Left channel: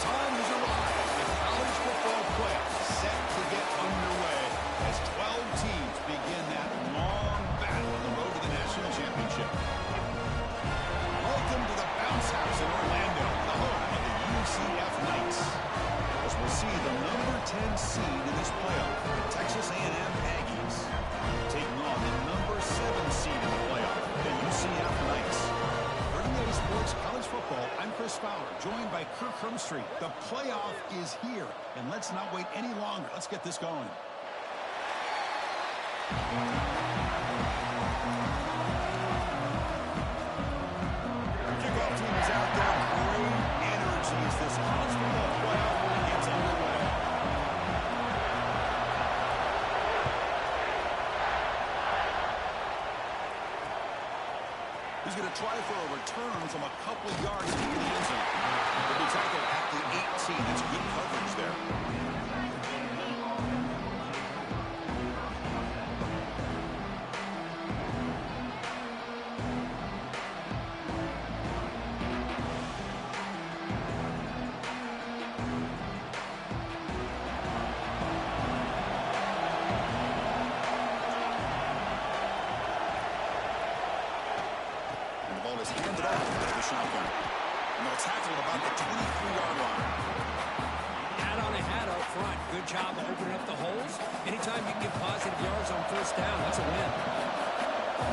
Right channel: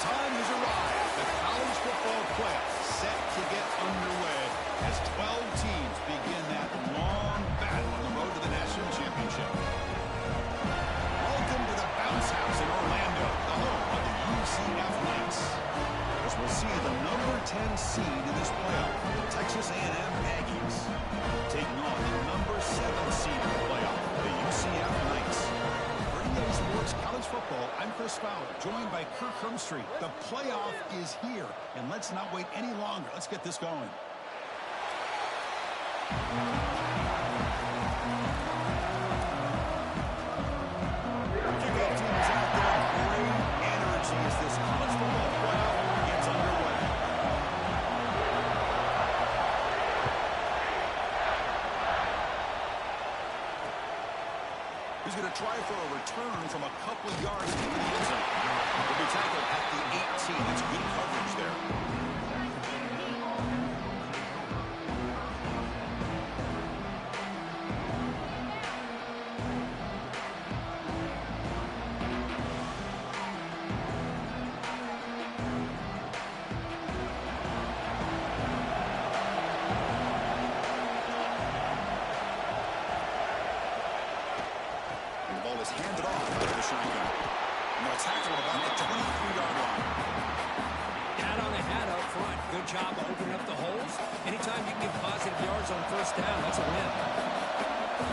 time has arrived. The college football playoffs set to get underway as 12 teams begin that long battle on the road to the national championship. Welcome to the Bounce House in Orlando, the home of the UCF Knights. As we'll see the number 10 seed in this playoff, the Texas A&M Aggies, taking on the number 7 seed in the playoff, the UCF Knights. For EA Sports College Football, I'm Chris Fowler, joined by Kirk Hermstreet. The playoff is here, and let's not wait any longer. Let's get this going. Kickoff team is out there. Great energy as this college football playoff gets underway. He's going to try for a return from a couple of yards into the end zone. He'll be tackled at the 18. That's good coverage there. Is handed off to the shotgun. And they'll tackle him about the 23-yard line. Hat on a hat up front. Good job of opening up the holes. Anytime you can get positive yards on first down, that's a win.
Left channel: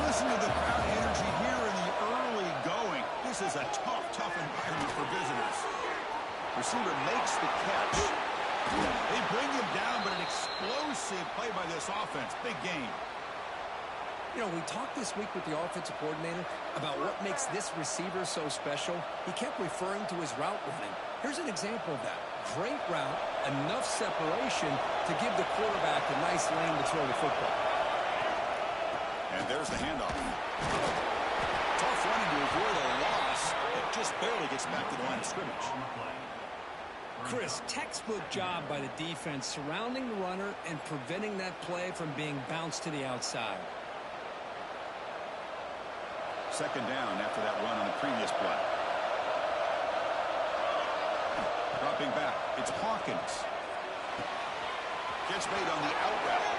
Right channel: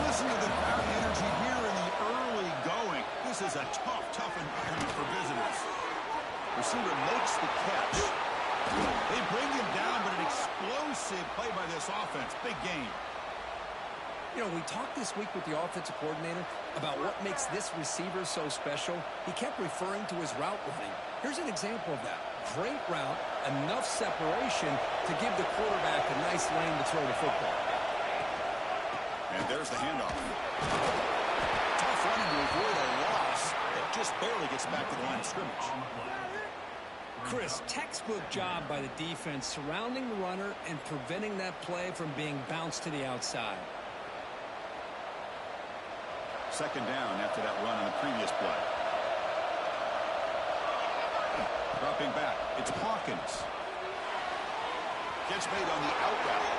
Listen to the crowd energy here in the early going. This is a tough environment for visitors. Receiver makes the catch. They bring him down, but an explosive play by this offense. Big game. You know, we talked this week with the offensive coordinator about what makes this receiver so special. He kept referring to his route running. Here's an example of that. Great route, enough separation to give the quarterback a nice lane to throw the football. And there's the handoff. Tough running to avoid a loss. It just barely gets back to the line of scrimmage. Chris, textbook job by the defense surrounding the runner and preventing that play from being bounced to the outside. Second down after that run on the previous play. Dropping back. It's Hawkins. Gets made on the out route.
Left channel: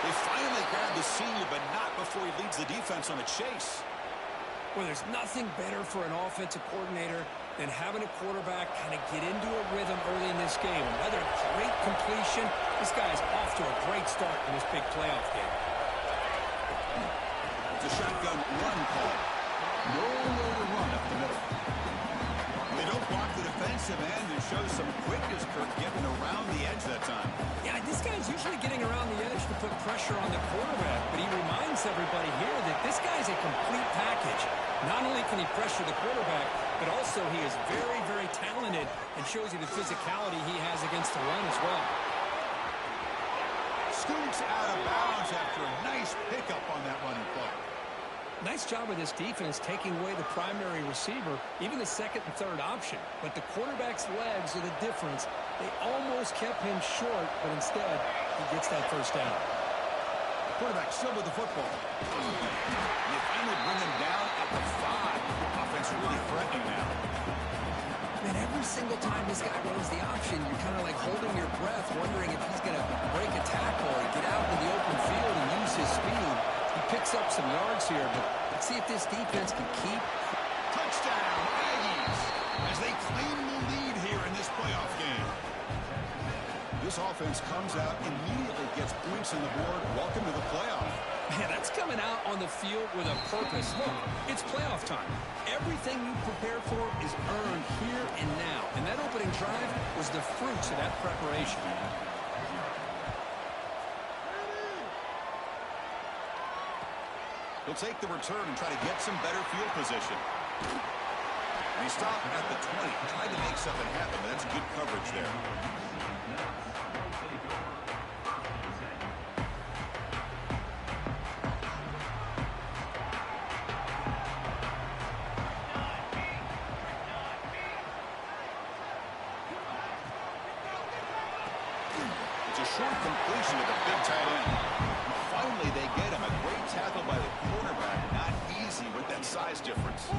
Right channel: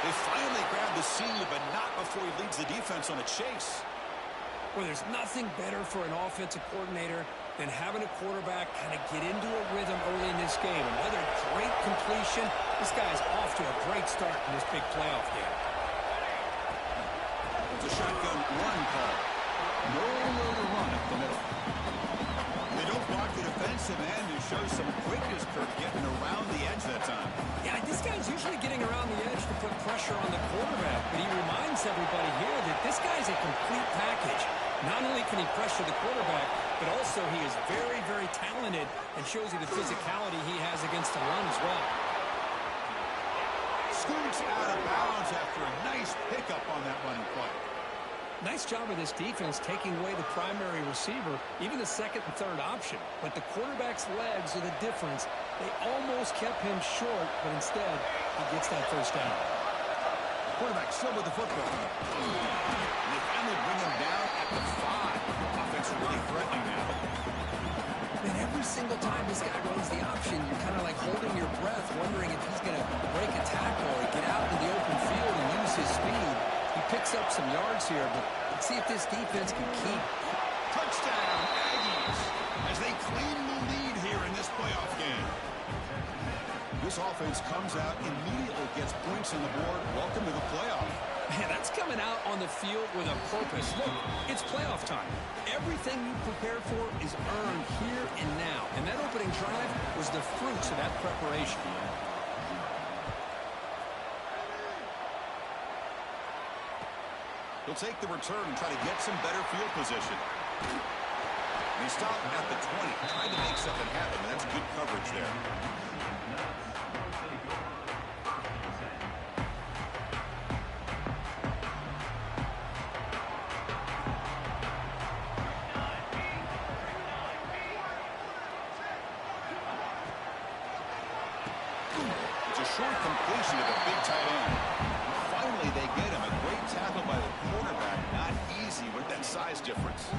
They finally grab the senior, but not before he leads the defense on a chase. Well, there's nothing better for an offensive coordinator than having a quarterback kind of get into a rhythm early in this game. Another great completion. This guy's off to a great start in this big playoff game. The shotgun run call. Nowhere to run up the middle. They don't block the defensive end and show some quickness, Kirk, getting around the edge that time. Yeah, this guy's usually getting around the edge to put pressure on the quarterback, but he reminds everybody here that this guy's a complete package. Not only can he pressure the quarterback, but also he is very talented and shows you the physicality he has against the run as well. Scoots out of bounds after a nice pickup on that running play. Nice job of this defense taking away the primary receiver, even the second and third option. But the quarterback's legs are the difference. They almost kept him short, but instead, he gets that first down. Quarterback still with the football. And they finally bring him down at the 5. Offense really threatening now. Man, every single time this guy runs the option, you're kind of like holding your breath, wondering if he's going to break a tackle or get out in the open field and use his speed. He picks up some yards here, but let's see if this defense can keep. Touchdown, Aggies, as they claim the lead here in this playoff game. This offense comes out, immediately gets points on the board. Welcome to the playoff. Man, that's coming out on the field with a purpose. Look, it's playoff time. Everything you prepare for is earned here and now. And that opening drive was the fruits of that preparation. He'll take the return and try to get some better field position. And he stopped at the 20. Tried to make something happen, but that's good coverage there. It's a short completion to the big tight end. Finally, they get him. A great tackle by the quarterback. Not easy with that size difference.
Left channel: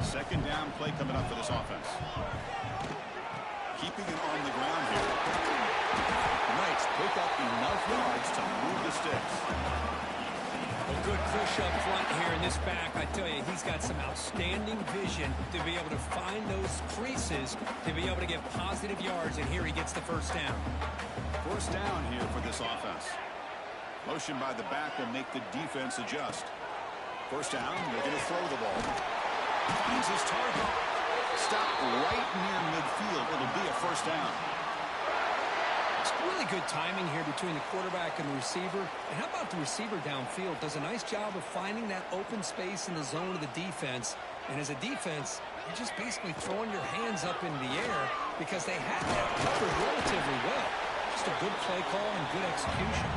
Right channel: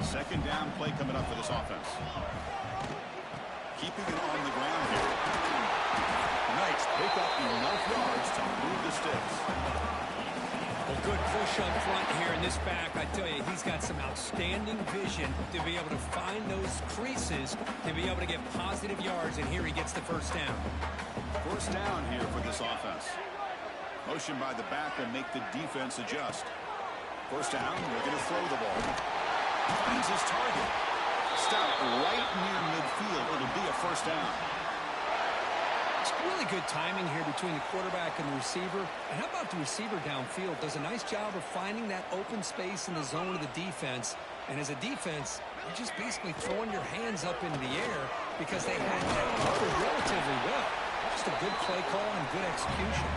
Second down play coming up for this offense. Keeping it on the ground here. The Knights pick up enough yards to move the sticks. Well, good push up front here in this back. I tell you, he's got some outstanding vision to be able to find those creases, to be able to get positive yards, and here he gets the first down. First down here for this offense. Motion by the back will make the defense adjust. First down, they're going to throw the ball. Finds his target. Stopped right near midfield. It'll be a first down. It's really good timing here between the quarterback and the receiver. And how about the receiver downfield? Does a nice job of finding that open space in the zone of the defense. And as a defense, you're just basically throwing your hands up in the air because they had that covered relatively well. Just a good play call and good execution.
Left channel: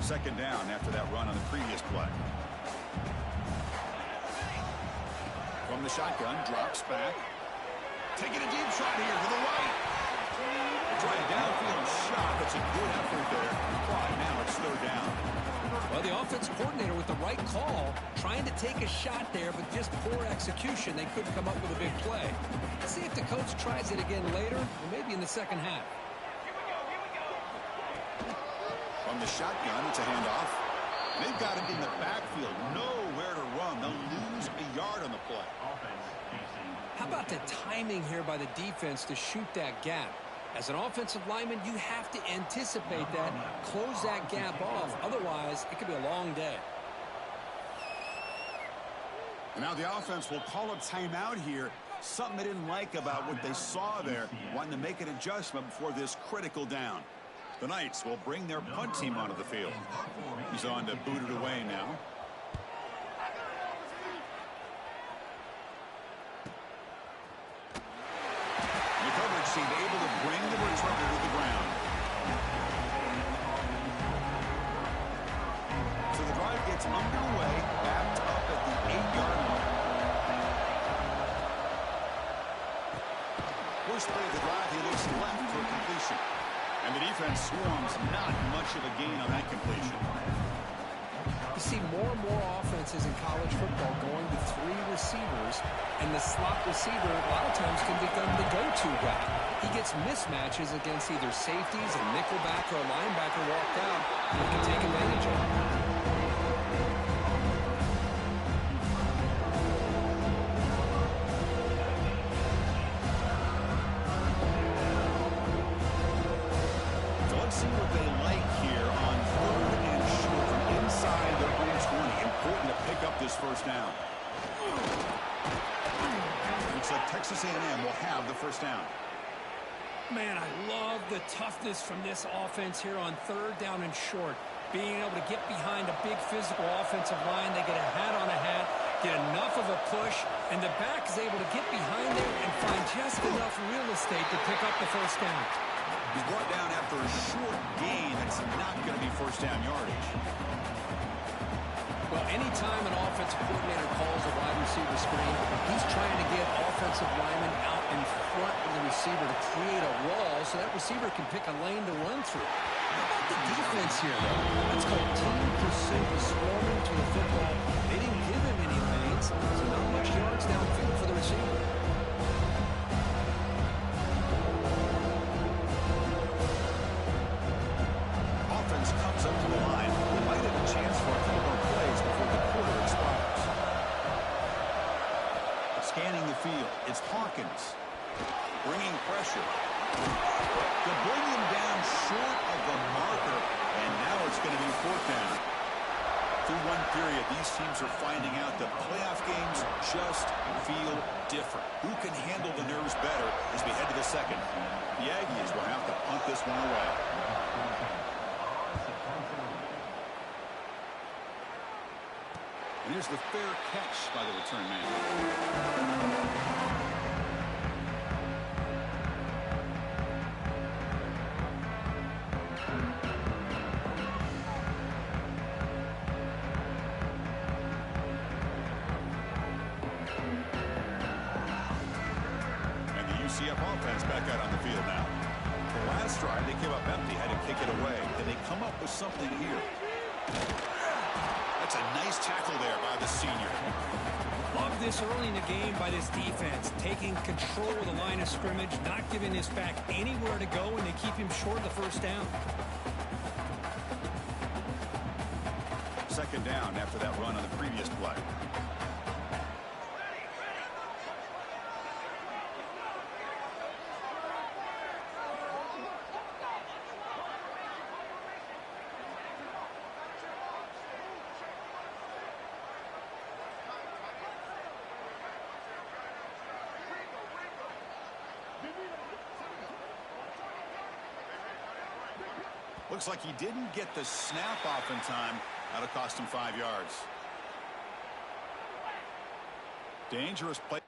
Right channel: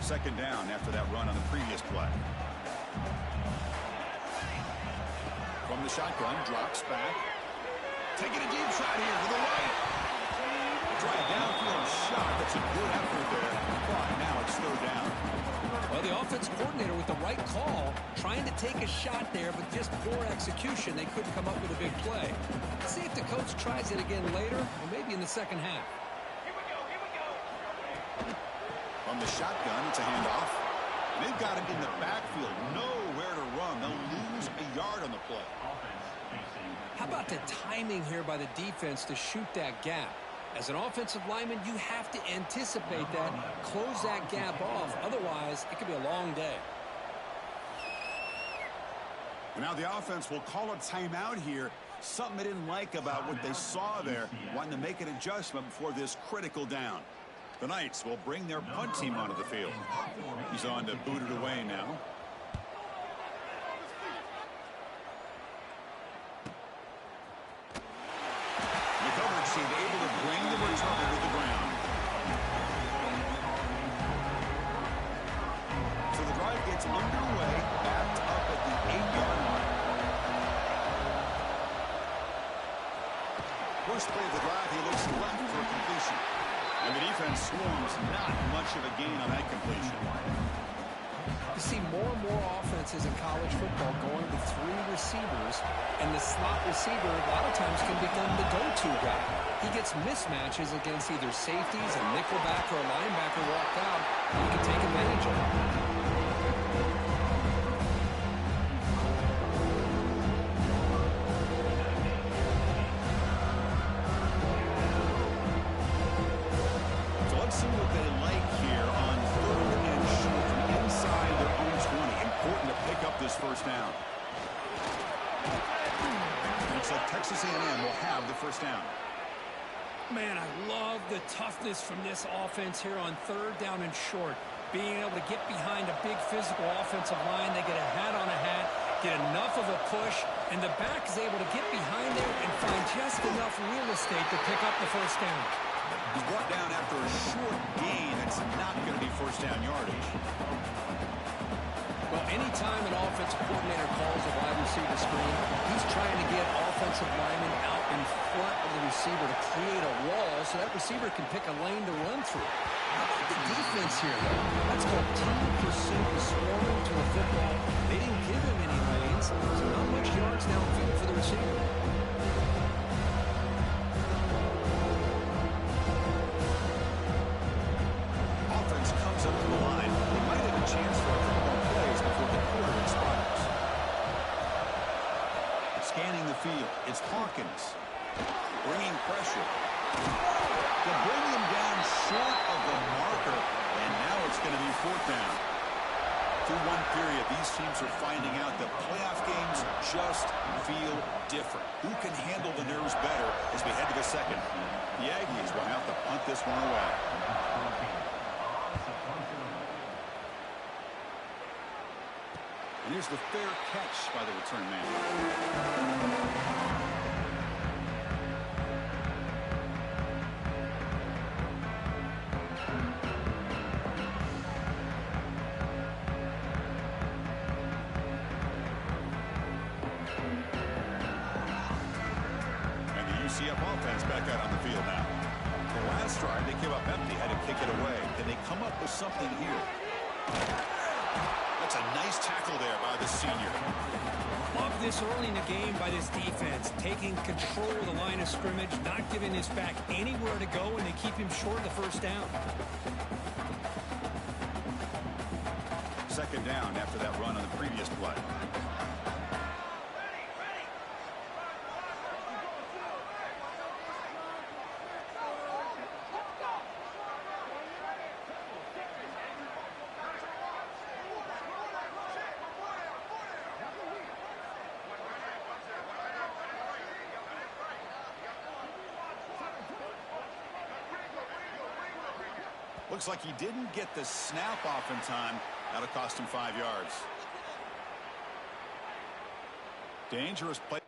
Second down after that run on the previous play. From the shotgun, drops back. Taking a deep shot here to the right. They try a downfield shot. That's a good effort there. But now it's third down. Well, the offensive coordinator with the right call, trying to take a shot there, but just poor execution. They couldn't come up with a big play. Let's see if the coach tries it again later, or maybe in the second half. From the shotgun, it's a handoff. They've got him in the backfield. Nowhere to run. They'll lose a yard on the play. How about the timing here by the defense to shoot that gap? As an offensive lineman, you have to anticipate that, close that gap off. Otherwise, it could be a long day. And now the offense will call a timeout here. Something they didn't like about what they saw there. Wanting to make an adjustment before this critical down. The Knights will bring their punt team onto the field. He's on to boot it away now. The coverage team able to bring the returner to the ground. So the drive gets underway, backed up at the 8-yard line. First play of the drive, he looks left for a completion. And the defense swarms, not much of a gain on that completion. You see more and more offenses in college football going to 3 receivers, and the slot receiver a lot of times can become the go-to guy. He gets mismatches against either safeties, a nickelback, or a linebacker walked out, and he can take advantage of it. See what they like here on third and short from inside their own 20. Important to pick up this first down. Looks like Texas A&M will have the first down. Man, I love the toughness from this offense here on third down and short. Being able to get behind a big physical offensive line. They get a hat on a hat, get enough of a push, and the back is able to get behind there and find just enough real estate to pick up the first down. He's brought down after a short gain. That's not going to be first down yardage. Well, anytime an offensive coordinator calls a wide receiver screen, he's trying to get offensive linemen out in front of the receiver to create a wall so that receiver can pick a lane to run through. How about the defense here, though? That's called team pursuit, swarming to the football. They didn't give him any lanes, so not much yards downfield for the receiver. Comes up to the line. They might have a chance for a couple more plays before the quarter expires. Scanning the field, it's Hawkins. Bringing pressure. They'll bring him down short of the marker, and now it's going to be fourth down. Through one period, these teams are finding out that playoff games just feel different. Who can handle the nerves better as we head to the second? The Aggies will have to punt this one away. And here's the fair catch by the return man. And the UCF offense back out on the field now. The last drive, they came up empty, had to kick it away. Can they come up with something here? That's a nice tackle there by the senior. Love this early in the game by this defense, taking control of the line of scrimmage, not giving his back anywhere to go, and they keep him short of the first down. Second down after that run on the previous play. Looks like he didn't get the snap off in time. That'll cost him 5 yards. Dangerous play.